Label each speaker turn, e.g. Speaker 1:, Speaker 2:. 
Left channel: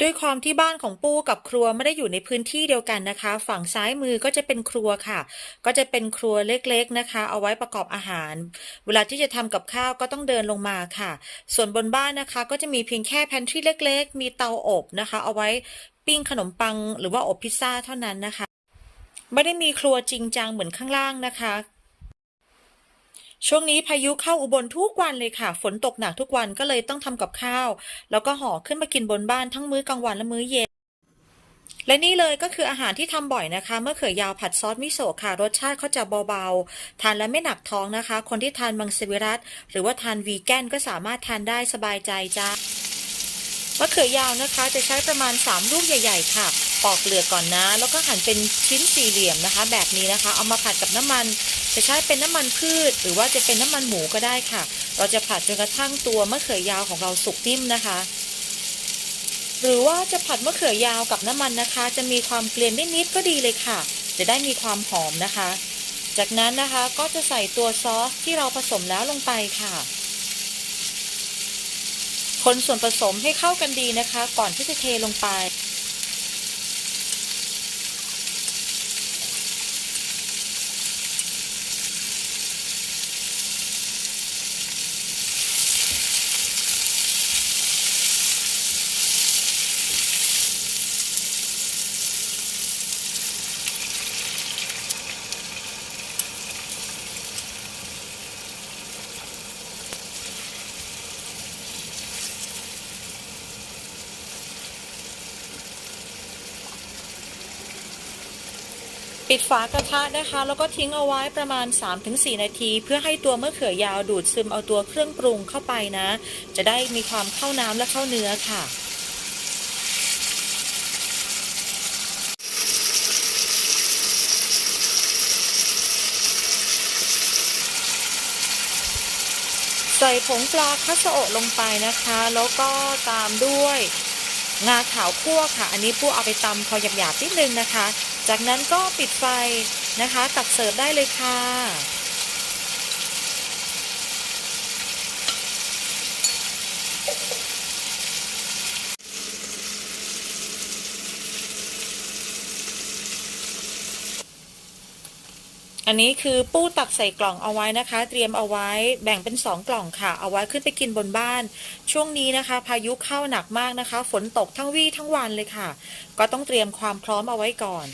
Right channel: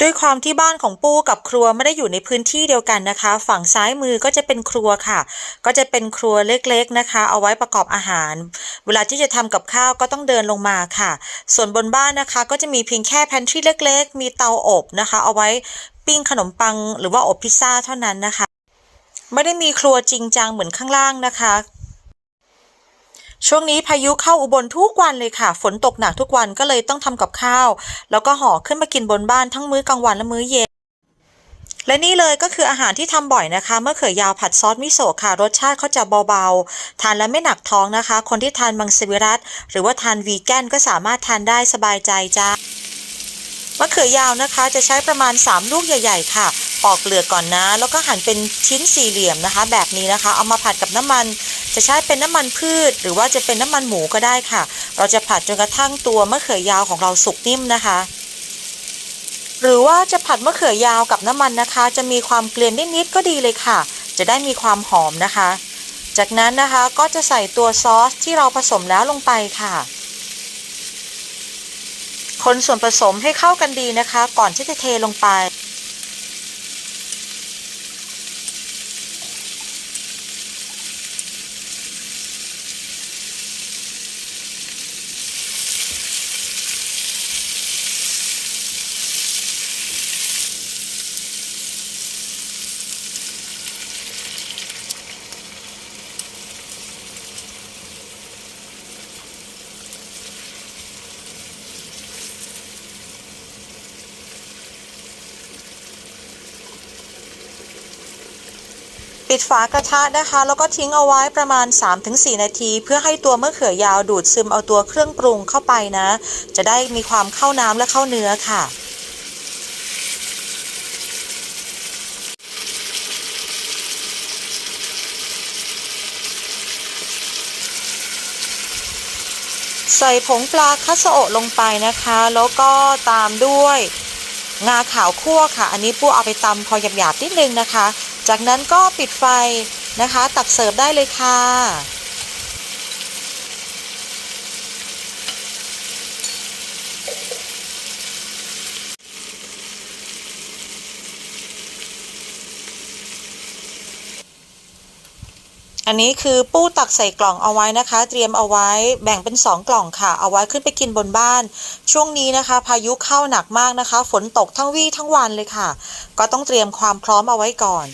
Speaker 1: ด้วยความที่บ้านของปู้กับครัวไม่ได้อยู่ในพื้นที่เดียวกันนะคะ ฝั่งซ้ายมือก็จะเป็นครัวค่ะ ก็จะเป็นครัวเล็กๆนะคะ เอาไว้ประกอบอาหาร เวลาที่จะทำกับข้าวก็ต้องเดินลงมาค่ะ ส่วนบนบ้านนะคะ ก็จะมีเพียงแค่แพนทรีเล็ก ๆ มีเตาอบนะคะ เอาไว้ปิ้งขนมปังหรือว่าอบพิซซ่าเท่านั้นนะคะ ไม่ได้มีครัวจริงจังเหมือนข้างล่างนะคะ ช่วงนี้พายุเข้าอุบลทุกวันเลยค่ะ ฝนตกหนักทุกวันก็เลยต้องทำกับข้าว แล้วก็ห่อขึ้นมากินบนบ้านทั้งมื้อกลางวันและมื้อเย็น และนี่เลยก็คืออาหารที่ทำบ่อยนะคะมะเขือยาวผัดซอสมิโซะค่ะ รสชาติเขาจะเบาๆ ทานแล้วไม่หนักท้องนะคะ คนที่ทานมังสวิรัตหรือว่าทานวีแกนก็สามารถทานได้สบายใจจ้ามะเขือยาวนะคะจะใช้ประมาณ 3 ลูกใหญ่ ๆ ค่ะ ปอกเปลือกก่อนนะ แล้วก็หั่นเป็นชิ้นสี่เหลี่ยมนะคะ แบบนี้นะคะ เอามาผัดกับน้ำมัน จะใช้เป็นน้ำมันพืช หรือว่าจะเป็นน้ำมันหมูก็ได้ค่ะ เราจะผัดจนกระทั่งตัวมะเขือยาวของเราสุกนิ่มนะคะ หรือว่าจะผัดมะเขือยาวกับน้ำมันนะคะ จะมีความเกลียนนิดๆก็ดีเลยค่ะ จะได้มีความหอมนะคะ จากนั้นนะคะก็จะใส่ตัวซอสที่เราผสมแล้วลงไปค่ะ คนส่วนผสมให้เข้ากันดีนะคะ ก่อนที่จะเทลงไป ปิดฝากระทะนะคะ แล้วก็ทิ้งเอาไว้ประมาณ 3-4 นาที เพื่อให้ตัวมะเขือยาวดูดซึมเอาตัวเครื่องปรุงเข้าไปนะ จะได้มีความเข้าน้ำและเข้าเนื้อค่ะใส่ผงปลาคัสโอลงไปนะคะ แล้วก็ตามด้วยงาขาวคั่วค่ะ อันนี้ปูเอาไปตำพอหยาบๆนิดนึงนะคะ จากนั้นก็ปิดไฟนะคะ ตักเสิร์ฟได้เลยค่ะ อันนี้คือปู้ตักใส่กล่องเอาไว้นะคะ เตรียมเอาไว้แบ่งเป็น 2 กล่องค่ะ เอาไว้ขึ้นไปกินบนบ้าน ช่วงนี้นะคะ พายุเข้าหนักมากนะคะ ฝนตกทั้งวี่ทั้งวันเลยค่ะ ก็ต้องเตรียมความพร้อมเอาไว้ก่อน